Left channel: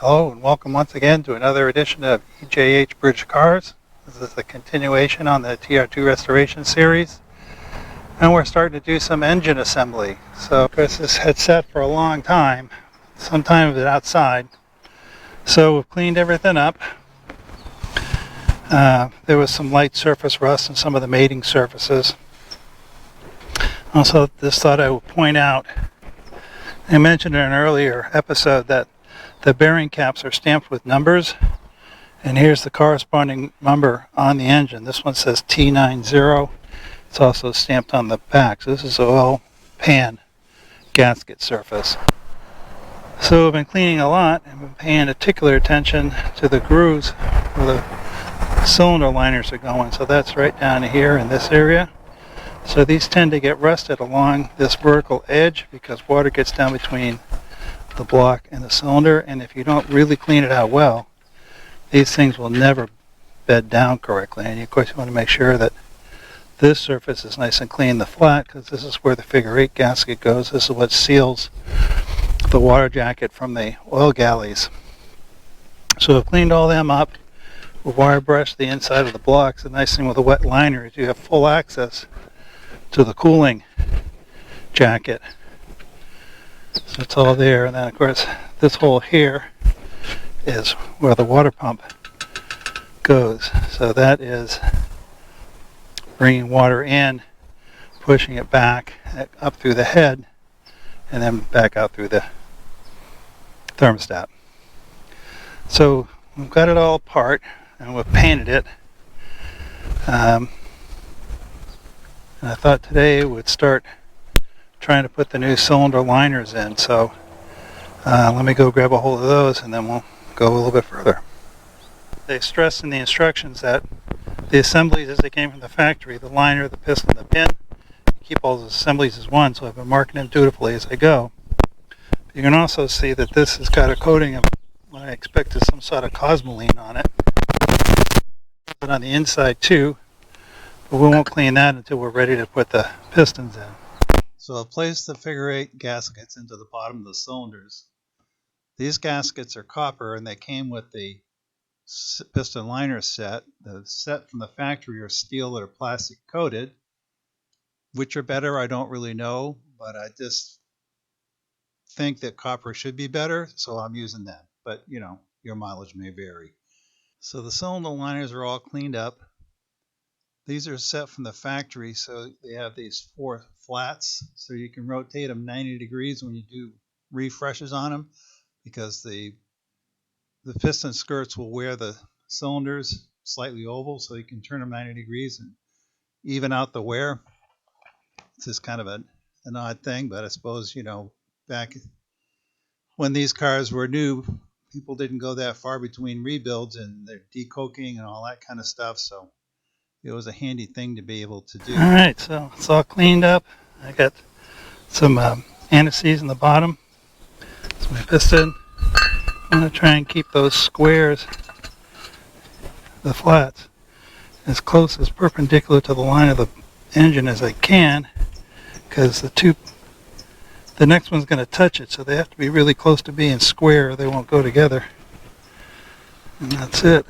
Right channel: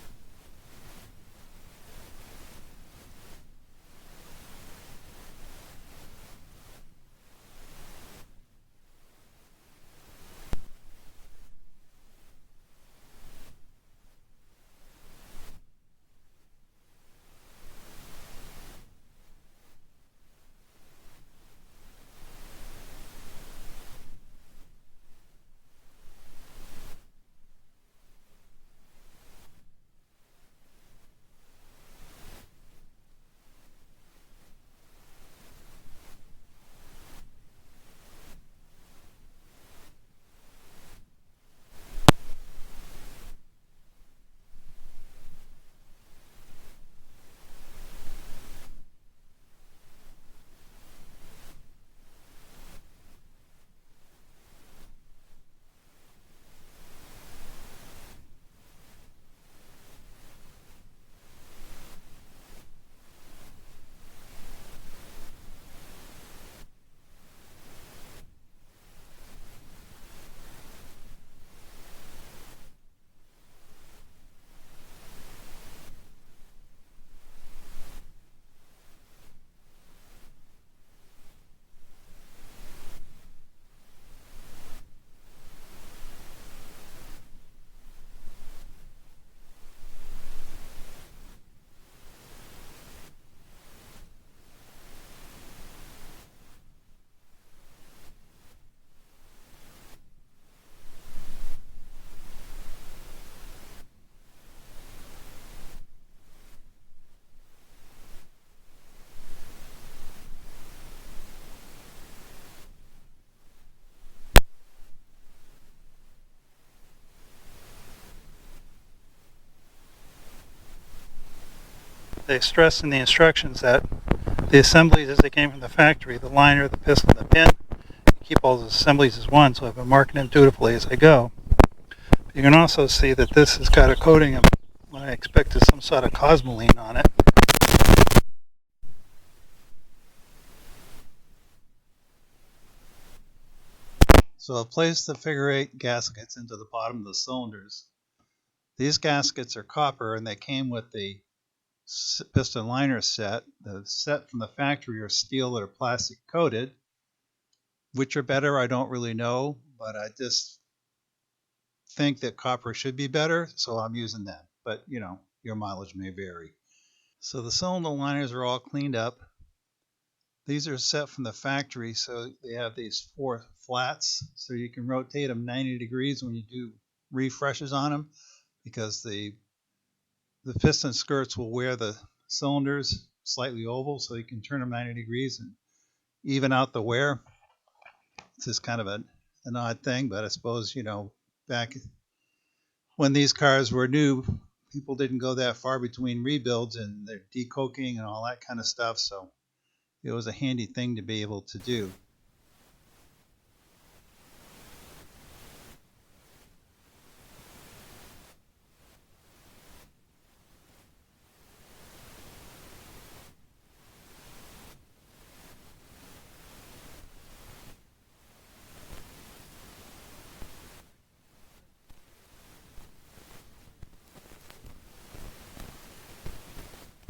Hello and welcome once again to another edition of EJH Bridge Cars. This is a continuation on the TR2 restoration series. And we're starting to do some engine assembly. So of course this had sat for a long time, sometimes outside. So we've cleaned everything up. There was some light surface rust in some of the mating surfaces. Also, just thought I would point out, I mentioned in an earlier episode that the bearing caps are stamped with numbers, and here's the corresponding number on the engine. This one says T90. It's also stamped on the back. So this is oil pan gasket surface. So we've been cleaning a lot and been paying particular attention to the grooves where the cylinder liners are going. So that's right down here in this area. So these tend to get rusted along this vertical edge because water gets down between the block and the cylinder, and if you don't really clean it out well, these things will never bed down correctly. And of course you want to make sure that this surface is nice and clean, the flat, because this is where the figure 8 gasket goes. This is what seals the water jacket from the oil galleys. So I've cleaned all them up. We've wire brushed the inside of the blocks. The nice thing with a wet liner is you have full access to the cooling jacket. So it's all there, and then of course this hole here is where the water pump goes. So that is bringing water in, pushing it back up through the head, and then back out through the thermostat. So we've got it all apart and we've painted it. And I thought today we'd start trying to put the new cylinder liners in, so let me go grab a hold of those and then we'll go a little bit further. They stress in the instructions that the assemblies as they came from the factory, the liner, the piston, the pin, you keep all those assemblies as one, so I've been marking them dutifully as I go. But you can also see that this has got a coating of what I expect is some sort of cosmoline on it. But on the inside too, but we won't clean that until we're ready to put the pistons in. So I've placed the figure 8 gaskets into the bottom of the cylinders. These gaskets are copper and they came with the piston liner set. The set from the factory are steel that are plastic coated. Which are better, I don't really know, but I just think that copper should be better, so I'm using that. But you know, your mileage may vary. So the cylinder liners are all cleaned up. These are set from the factory, so they have these 4 flats, so you can rotate them 90 degrees when you do refreshes on them, because the piston skirts will wear the cylinders slightly oval, so you can turn them 90 degrees and even out the wear. It's just kind of an odd thing, but I suppose, you know, back when these cars were new, people didn't go that far between rebuilds and they're decoking and all that kind of stuff, so it was a handy thing to be able to do. All right, so it's all cleaned up. I got some antices in the bottom. It's my piston. I'm going to try and keep those squares, the flats, as close as perpendicular to the line of the engine as I can, because the next one's going to touch it, so they have to be really close to being square or they won't go together. And that's it.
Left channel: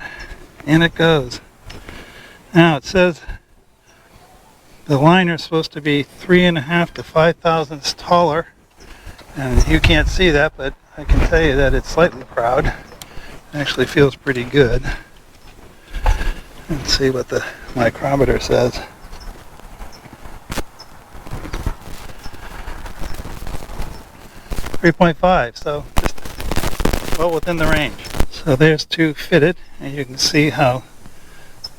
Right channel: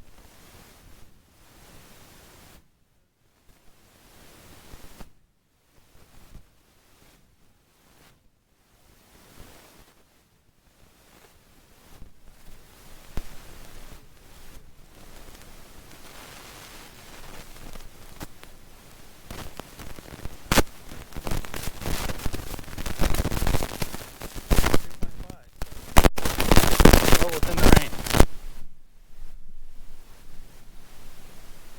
In it goes. Now it says the liner is supposed to be 3.5 to 5 thousandths taller, and you can't see that, but I can tell you that it's slightly proud. It actually feels pretty good. Let's see what the micrometer says. 3.5, so just well within the range. So there's 2 fitted, and you can see how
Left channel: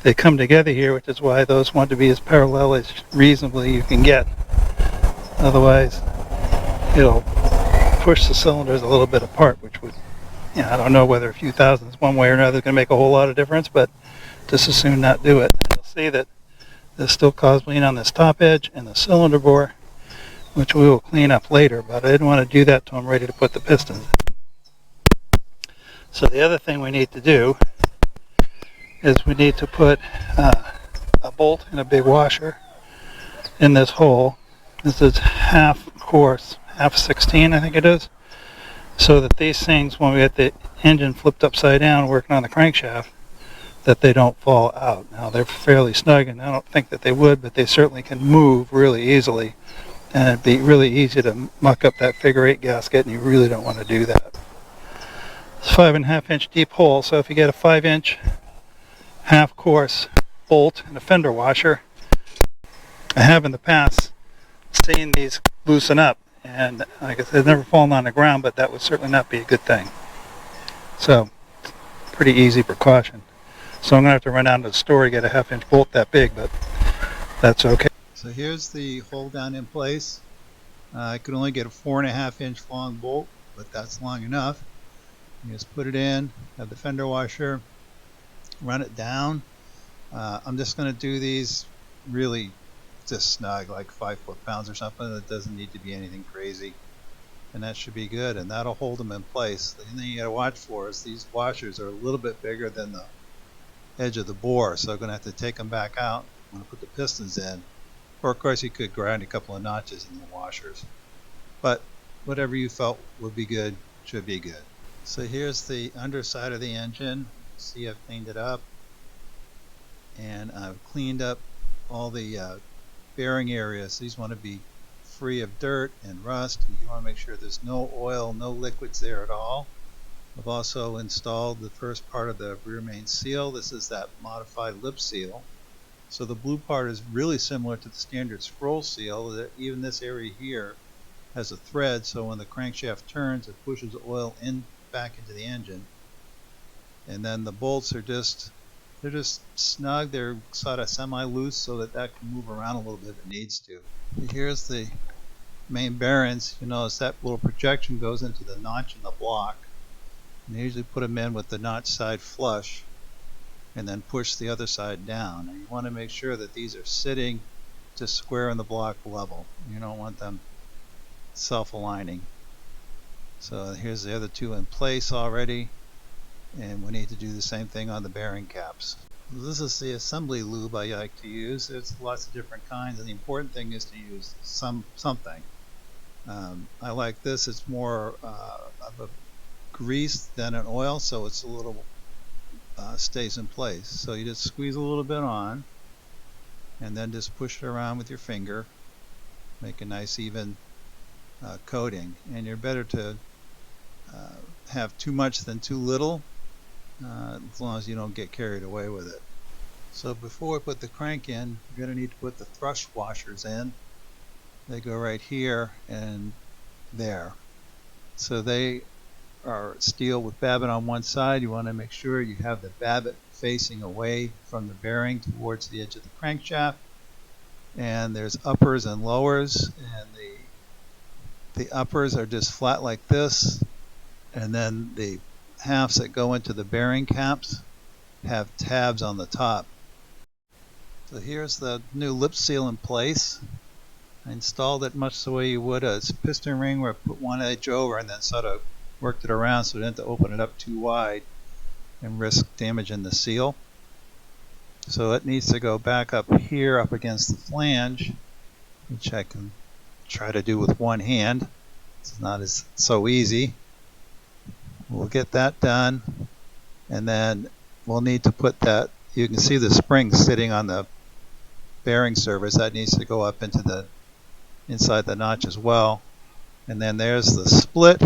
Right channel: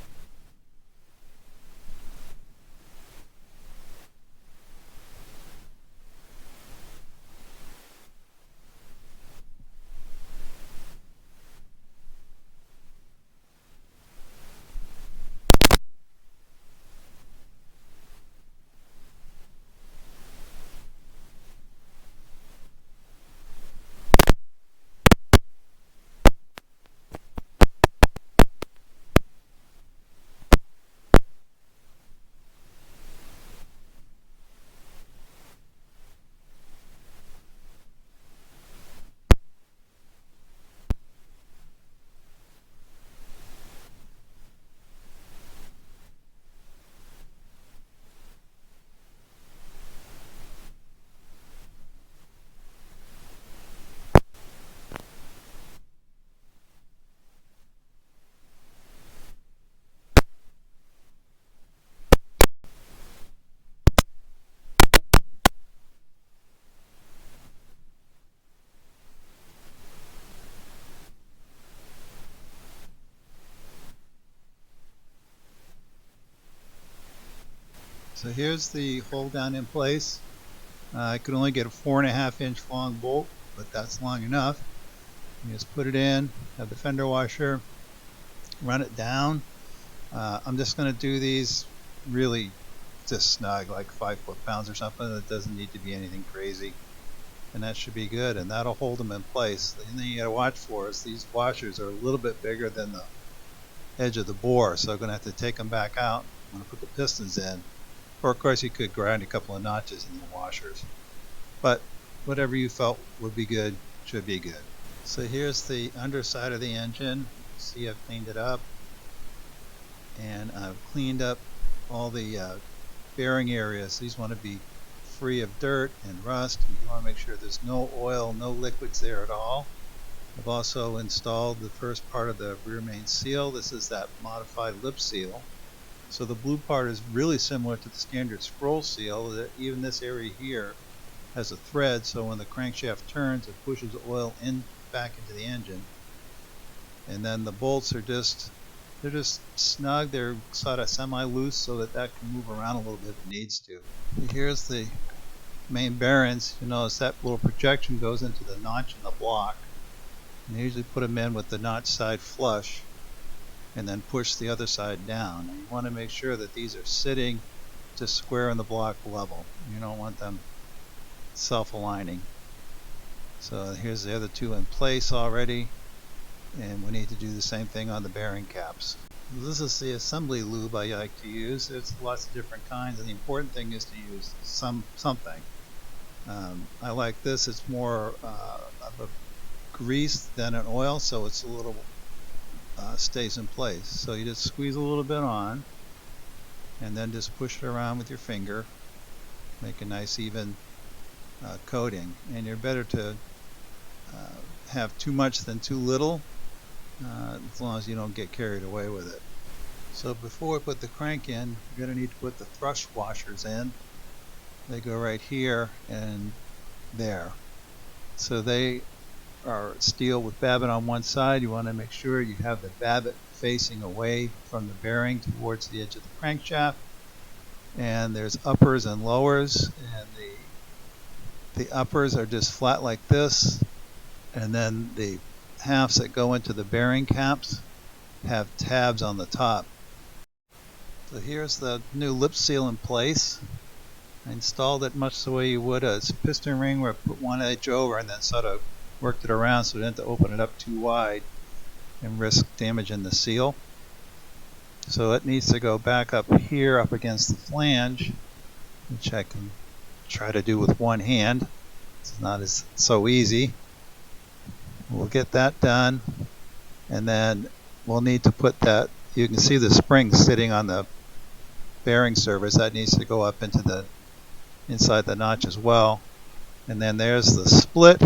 they come together here, which is why those want to be as parallel as reasonably you can get. Otherwise, it'll push the cylinders a little bit apart, which would, you know, I don't know whether a few thousandths one way or another is going to make a whole lot of difference, but just as soon not do it. You'll see that there's still cosmoline on this top edge and the cylinder bore, which we will clean up later, but I didn't want to do that till I'm ready to put the pistons in. So the other thing we need to do is we need to put a bolt and a big washer in this hole. This is half course, half 16 I think it is, so that these things, when we get the engine flipped upside down working on the crankshaft, that they don't fall out. Now they're fairly snug, and I don't think that they would, but they certainly can move really easily, and it'd be really easy to muck up that figure 8 gasket, and you really don't want to do that. It's 5.5 inch deep hole, so if you get a 5-inch half course bolt and a fender washer, I have in the past seen these loosen up, and like I said, they've never fallen on the ground, but that would certainly not be a good thing. So, pretty easy precaution. So I'm going to have to run down to the store to get a 1/2 inch bolt that big, but that's okay. So here's the hole down in place. I could only get a 4.5 inch long bolt, but that's long enough. You just put it in, have the fender washer, run it down. I'm just going to do these really just snug, like 5 foot-pounds or something. It doesn't need to be anything crazy, and that should be good, and that'll hold them in place. The thing you got to watch for is these washers are a little bit bigger than the edge of the bore, so I'm going to have to take them back out when I put the pistons in. Or of course you could grind a couple of notches in the washers, but whatever you felt would be good should be good. So here's the underside of the engine. See, I've cleaned it up, and I've cleaned up all the bearing areas. These want to be free of dirt and rust. You want to make sure there's no oil, no liquids there at all. I've also installed the first part of the rear main seal. This is that modified lip seal. So the blue part is really similar to the standard scroll seal. That even this area here has a thread, so when the crankshaft turns, it pushes oil in back into the engine. And then the bolts are just snug. They're sort of semi-loose so that can move around a little bit if it needs to. Here's the main bearings. You notice that little projection goes into the notch in the block. And they usually put them in with the notch side flush and then push the other side down. And you want to make sure that these are sitting just square in the block level. You don't want them self-aligning. So here's the other two in place already, and we need to do the same thing on the bearing caps. This is the assembly lube I like to use. There's lots of different kinds, and the important thing is to use something. I like this. It's more of a grease than an oil, so it's a little stays in place. So you just squeeze a little bit on, and then just push it around with your finger, make a nice even coating. And you're better to have too much than too little, as long as you don't get carried away with it. So before we put the crank in, you're going to need to put the thrust washers in. They go right here and there. So they are steel with babbitt on one side. You want to make sure you have the babbitt facing away from the bearing towards the edge of the crankshaft. And there's uppers and lowers, and the uppers are just flat like this, and then the halves that go into the bearing caps have tabs on the top. So here's the new lip seal in place. I installed it much the way you would a piston ring, where I put one edge over and then sort of worked it around so I didn't have to open it up too wide and risk damaging the seal. So it needs to go back up here up against the flange, which I can try to do with one hand. It's not so easy. We'll get that done, and then we'll need to put that, you can see the spring sitting on the bearing surface. That needs to go up into the inside the notch as well. And then there's the split,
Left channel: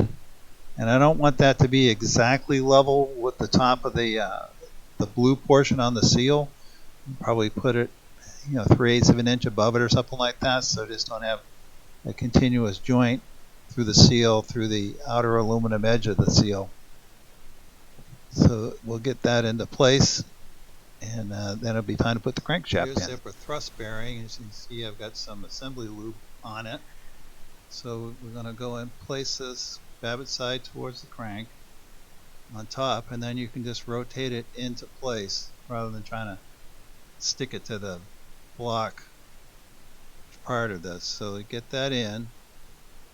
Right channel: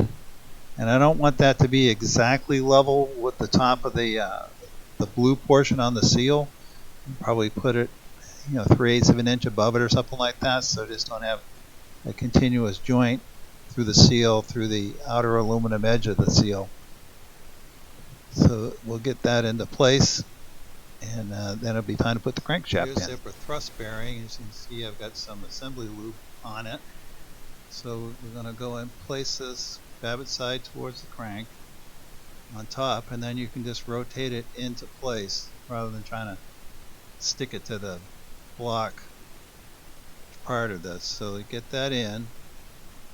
and I don't want that to be exactly level with the top of the blue portion on the seal. Probably put it 3/8 of an inch above it or something like that, so just don't have a continuous joint through the seal, through the outer aluminum edge of the seal. So we'll get that into place, and then it'll be time to put the crankshaft in. Here's the upper thrust bearing. As you can see, I've got some assembly lube on it. So we're going to go and place this babbitt side towards the crank on top, and then you can just rotate it into place rather than trying to stick it to the block part of this. So get that in,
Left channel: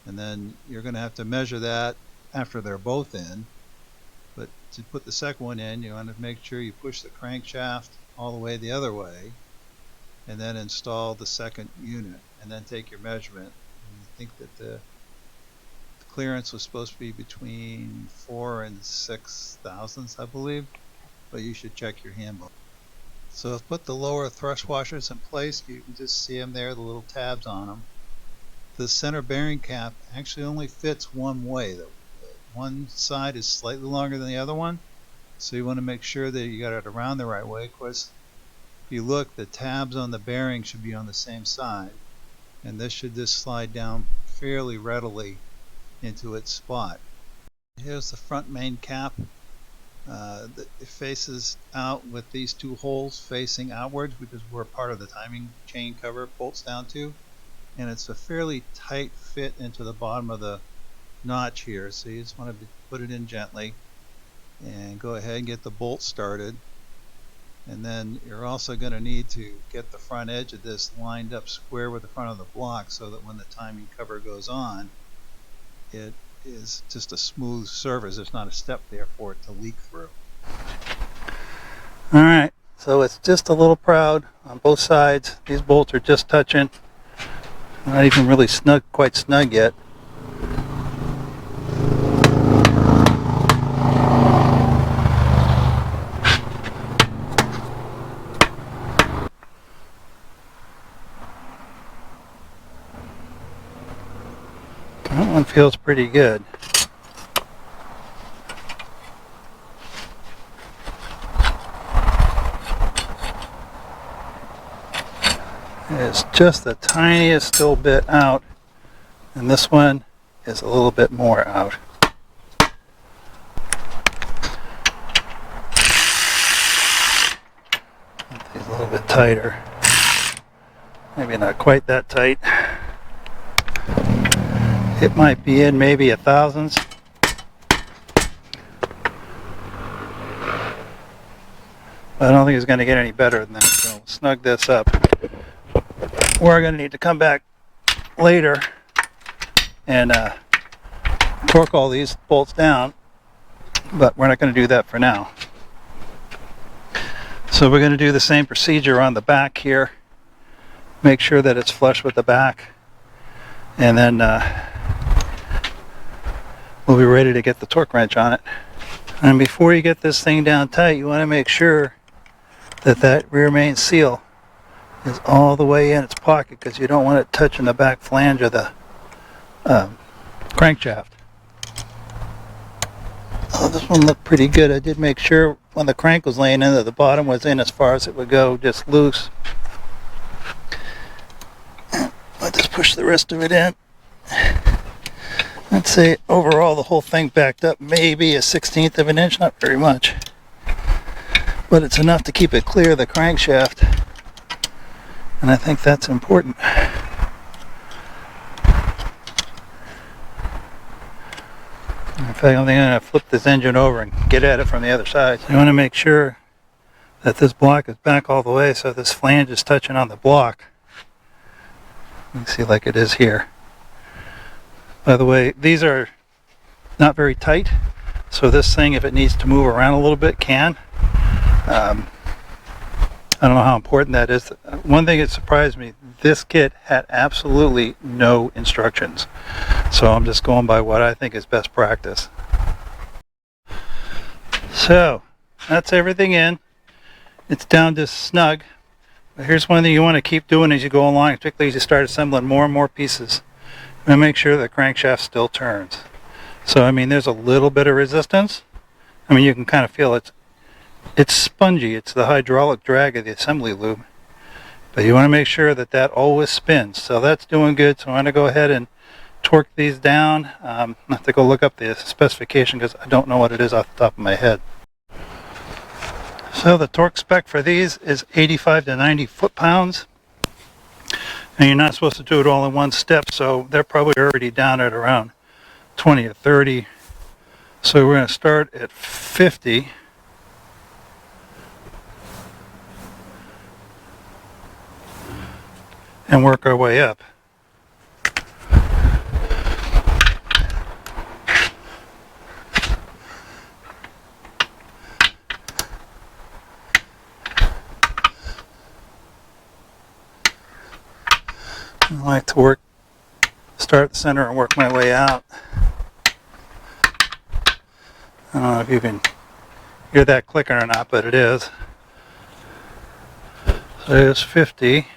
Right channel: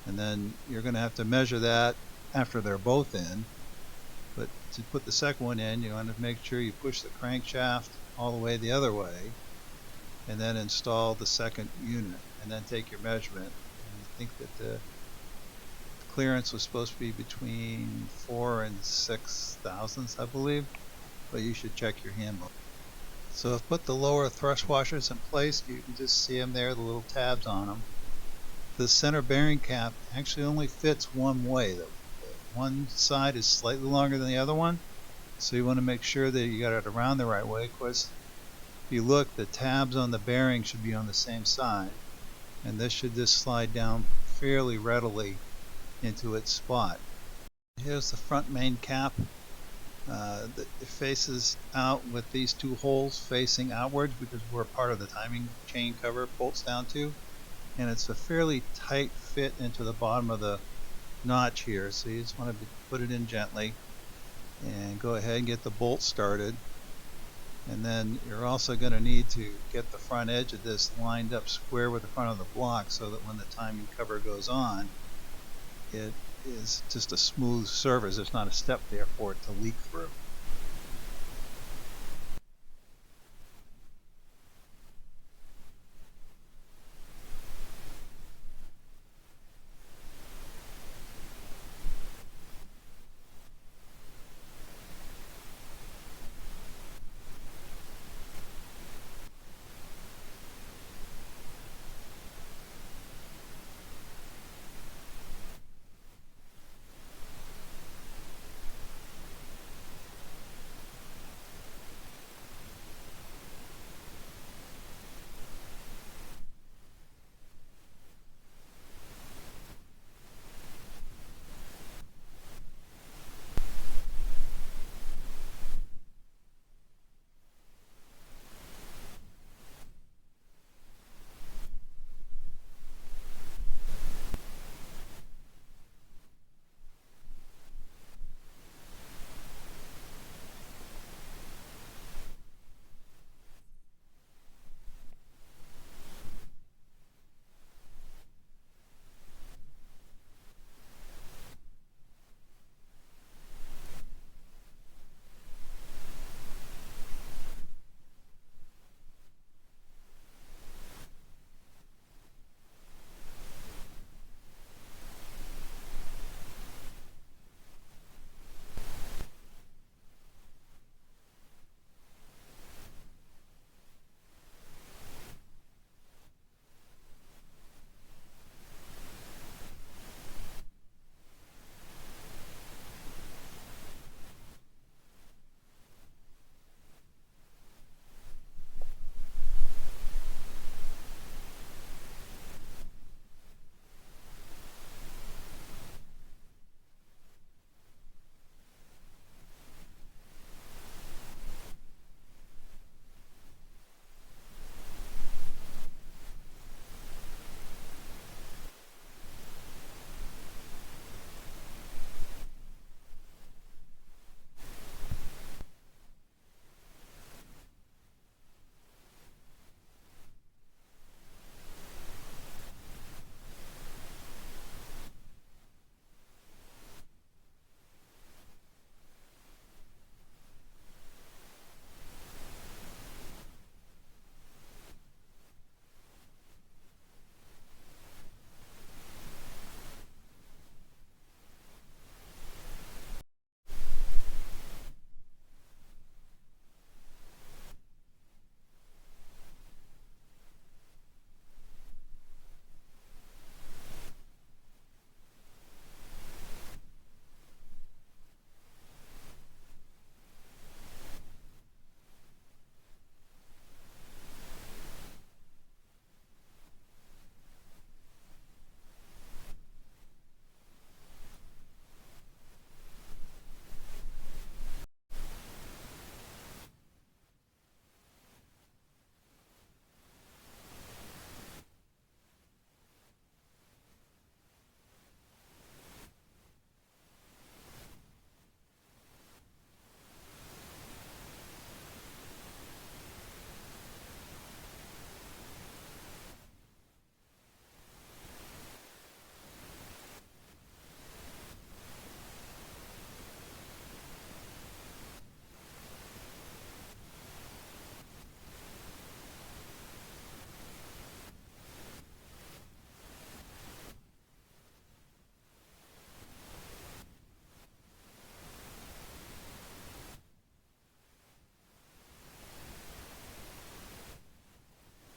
and then you're going to have to measure that after they're both in. But to put the second one in, you want to make sure you push the crankshaft all the way the other way, and then install the second unit, and then take your measurement. And you think that the clearance was supposed to be between 4 and 6 thousandths, I believe, but you should check your handbook. So I've put the lower thrust washers in place. You can just see them there, the little tabs on them. The center bearing cap actually only fits one way. The one side is slightly longer than the other one, so you want to make sure that you got it around the right way. Of course, if you look, the tabs on the bearing should be on the same side, and this should just slide down fairly readily into its spot. Here's the front main cap. It faces out with these two holes facing outwards because we're part of the timing chain cover it bolts down to, and it's a fairly tight fit into the bottom of the notch here, so you just want to put it in gently and go ahead and get the bolt started. And then you're also going to need to get the front edge of this lined up square with the front of the block so that when the timing cover goes on, it is just a smooth surface. There's not a step there for it to leak through. Alright, so it's just a little proud on both sides. These bolts are just touching. Not even really snug, quite snug yet. That one feels pretty good. It's just the tiniest little bit out, and this one is a little bit more out. These a little bit tighter. Maybe not quite that tight. It might be in maybe a thousandths. But I don't think it's going to get any better than that, so we'll snug this up. We're going to need to come back later and torque all these bolts down, but we're not going to do that for now. So we're going to do the same procedure on the back here. Make sure that it's flush with the back, and then we'll be ready to get the torque wrench on it. And before you get this thing down tight, you want to make sure that that rear main seal is all the way in its pocket, because you don't want it touching the back flange of the crankshaft. Oh, this one looked pretty good. I did make sure when the crank was laying in that the bottom was in as far as it would go, just loose. I'll just push the rest of it in. I'd say overall the whole thing backed up maybe a 1/16 of an inch, not very much. But it's enough to keep it clear of the crankshaft. And I think that's important. In fact, I'm going to flip this engine over and get at it from the other side. So you want to make sure that this block is back all the way so this flange is touching on the block. You can see like it is here. By the way, these are not very tight, so this thing, if it needs to move around a little bit, can. I don't know how important that is. One thing that surprised me, this kit had absolutely no instructions. So I'm just going by what I think is best practice. So that's everything in. It's down to snug. But here's one thing you want to keep doing as you go along, particularly as you start assembling more and more pieces. And make sure the crankshaft still turns. So I mean, there's a little bit of resistance. I mean, you can kind of feel it's spongy. It's the hydraulic drag of the assembly lube. But you want to make sure that that always spins. So that's doing good. So I'm going to go ahead and torque these down. I have to go look up the specification because I don't know what it is off the top of my head. So the torque spec for these is 85 to 90 foot-pounds. And you're not supposed to do it all in one step, so they're probably already down at around 20 or 30. So we're going to start at 50. And work our way up. I like to start at the center and work my way out. I don't know if you can hear that clicking or not, but it is. So there's 50.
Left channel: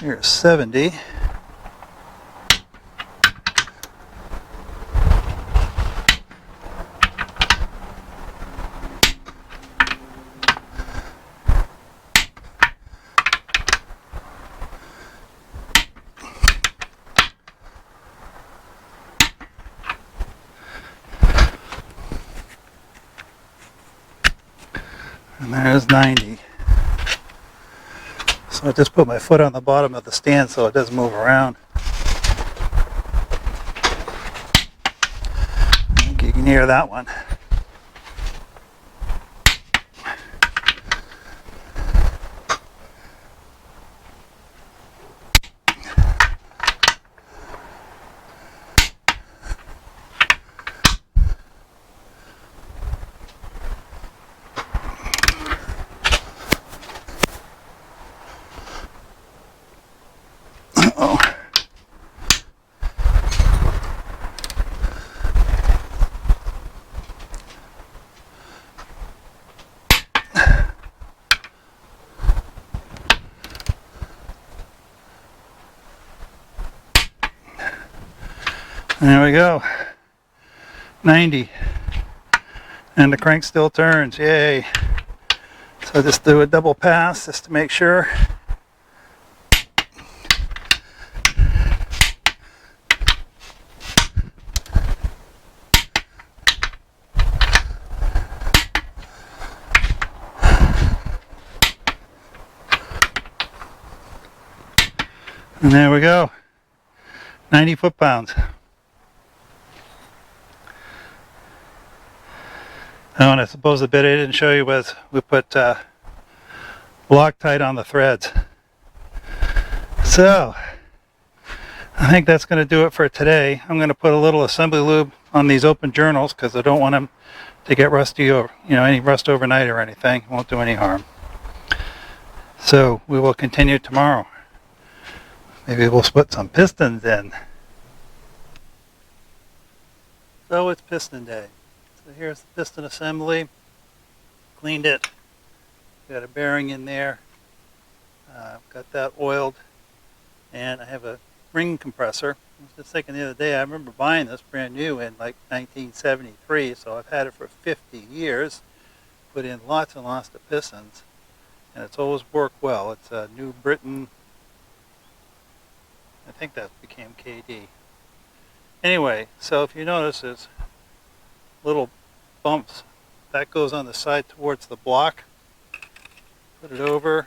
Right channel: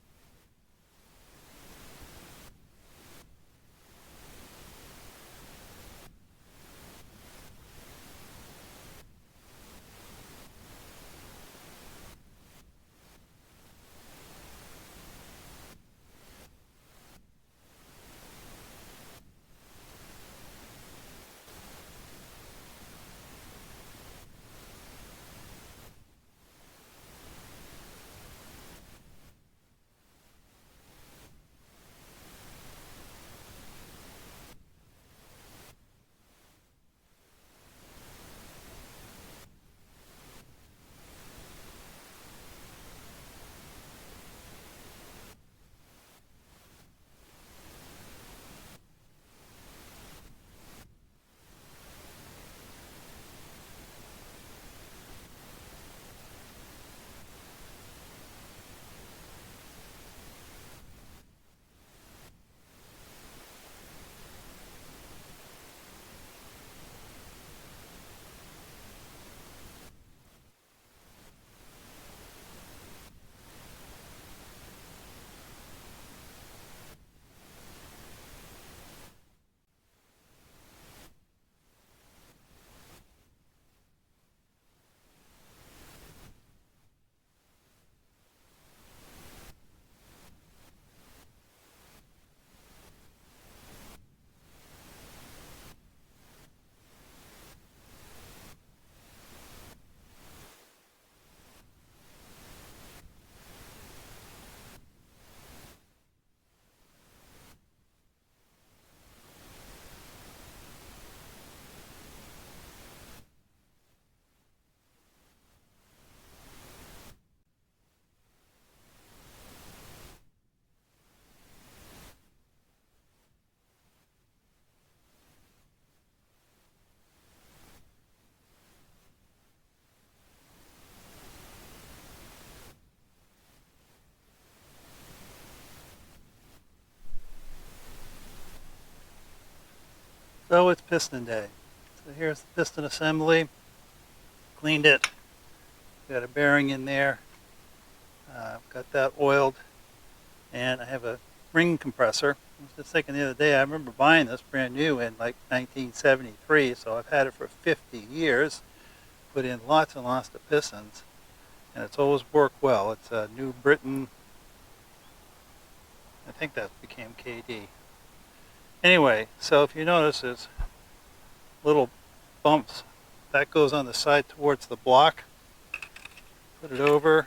Here's 70. And there's 90. So I just put my foot on the bottom of the stand so it doesn't move around. I think you can hear that one. Oh. There we go. 90. And the crank still turns. Yay. So just do a double pass just to make sure. And there we go. 90 foot-pounds. Oh, and I suppose the bit I didn't show you was we put Loctite on the threads. So, I think that's going to do it for today. I'm going to put a little assembly lube on these open journals because I don't want them to get rusty or, any rust overnight or anything. It won't do any harm. So, we will continue tomorrow. Maybe we'll put some pistons in. So, it's piston day. So here's the piston assembly. Cleaned it. Got a bearing in there. Got that oiled. And I have a ring compressor. I was just thinking the other day, I remember buying this brand new in like 1973, so I've had it for 50 years. Put in lots and lots of pistons. And it's always worked well. It's a New Britain. I think that became KD. Anyway, so if you notice, there's little bumps. That goes on the side towards the block. Put it over.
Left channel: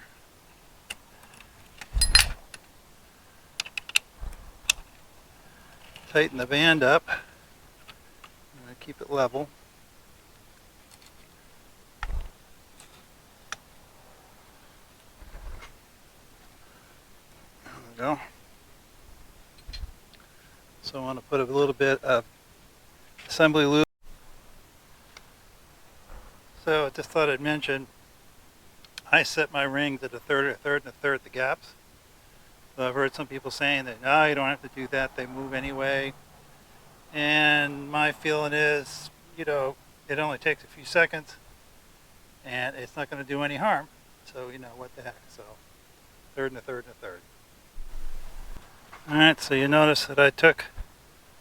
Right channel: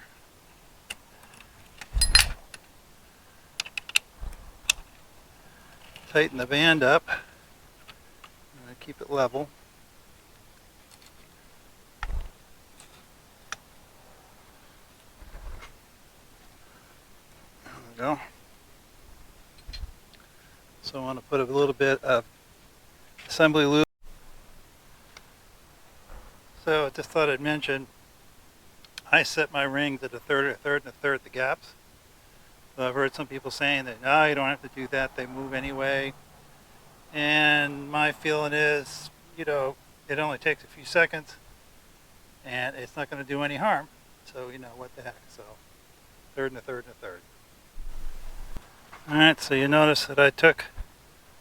Tighten the band up. And keep it level. There we go. So I want to put a little bit of assembly lube. So I just thought I'd mention, I set my rings at a third, and a third the gaps. So I've heard some people saying that, no, you don't have to do that, they move anyway. And my feeling is, it only takes a few seconds and it's not going to do any harm. So, what the heck. So, third and a third and a third. Alright, so you notice that I took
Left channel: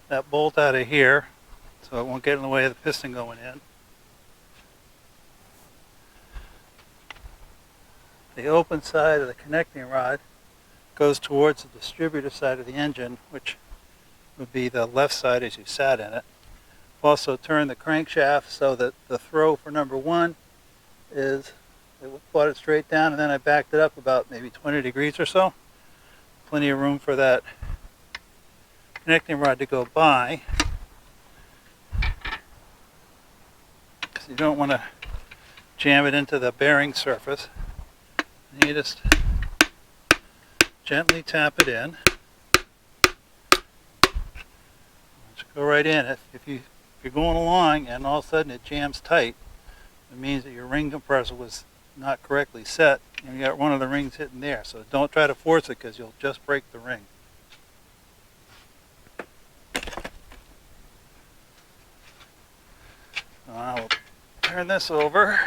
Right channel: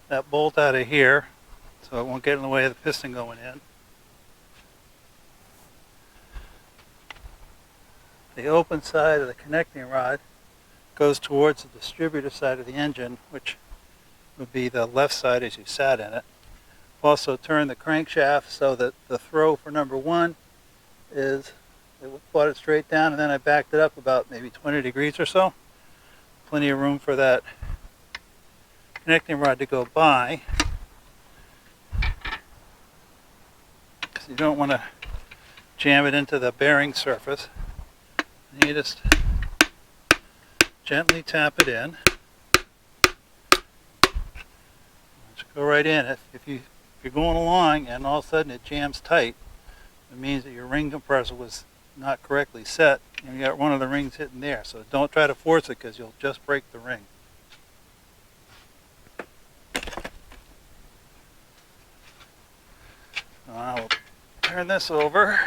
that bolt out of here so it won't get in the way of the piston going in. The open side of the connecting rod goes towards the distributor side of the engine, which would be the left side as you sat in it. Also turn the crankshaft so that the throw for number one is, it brought it straight down, and then I backed it up about maybe 20 degrees or so. Plenty of room for that connecting rod to go by. Because you don't want to jam it into the bearing surface. You just gently tap it in. Just go right in. If you're going along and all of a sudden it jams tight, it means that your ring compressor was not correctly set and you got one of the rings hitting there. So don't try to force it because you'll just break the ring. I'll turn this over.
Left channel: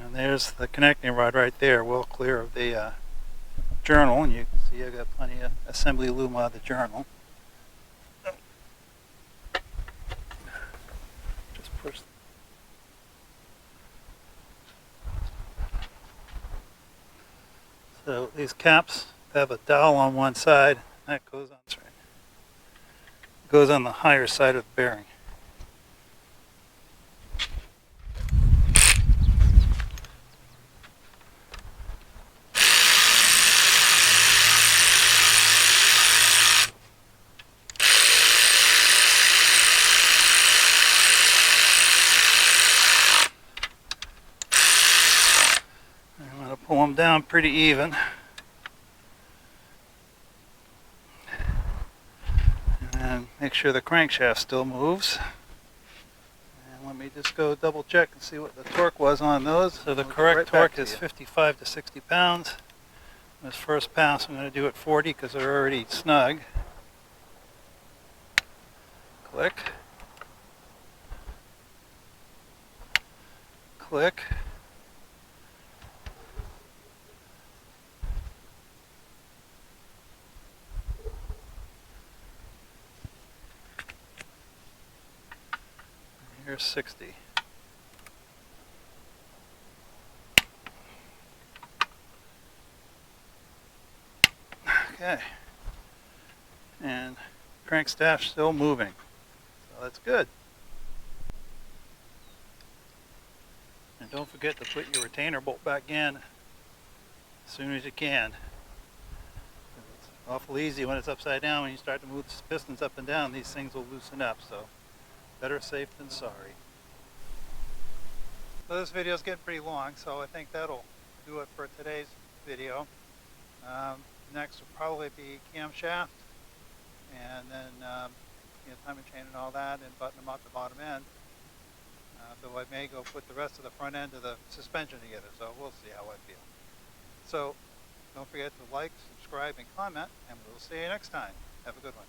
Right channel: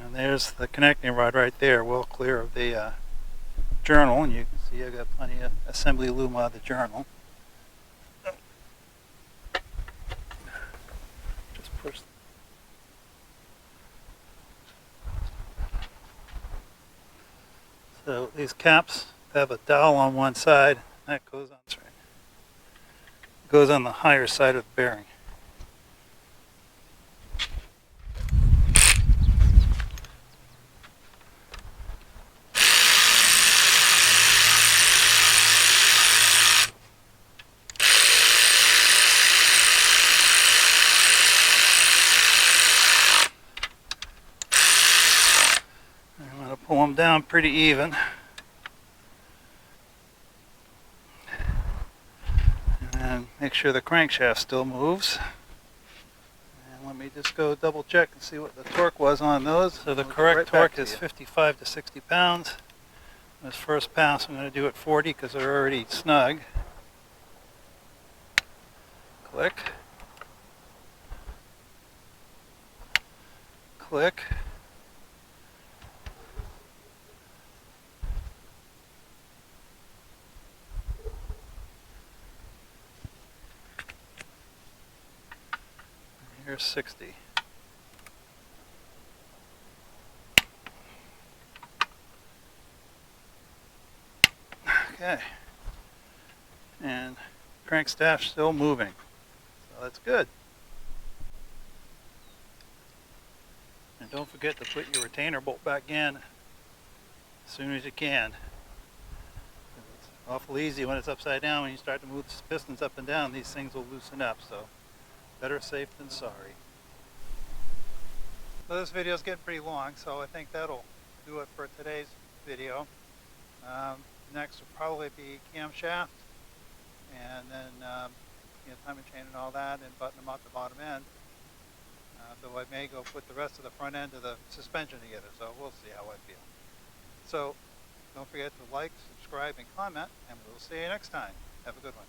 And there's the connecting rod right there, well clear of the journal, and you can see I've got plenty of assembly loom out of the journal. Just push. So these caps have a dowel on one side. That goes on. That's right. Goes on the higher side of the bearing. I'm going to pull them down pretty even. And make sure the crankshaft still moves. And let me just go double check and see what the torque was on those. So the correct torque is 55 to 60 pounds. This first pass I'm going to do at 40 because they're already snug. Click. Click. Here's 60. Okay. And crankstaff still moving. So that's good. And don't forget to put your retainer bolt back in as soon as you can. It's awful easy when it's upside down. When you start to move the pistons up and down, these things will loosen up. So better safe than sorry. So this video is getting pretty long, so I think that'll do it for today's video. Next will probably be camshaft, and then timing chain and all that, and button them up the bottom end. Though I may go put the rest of the front end of the suspension together, so we'll see how I feel. So don't forget to like, subscribe, and comment, and we'll see you next time. Have a good one.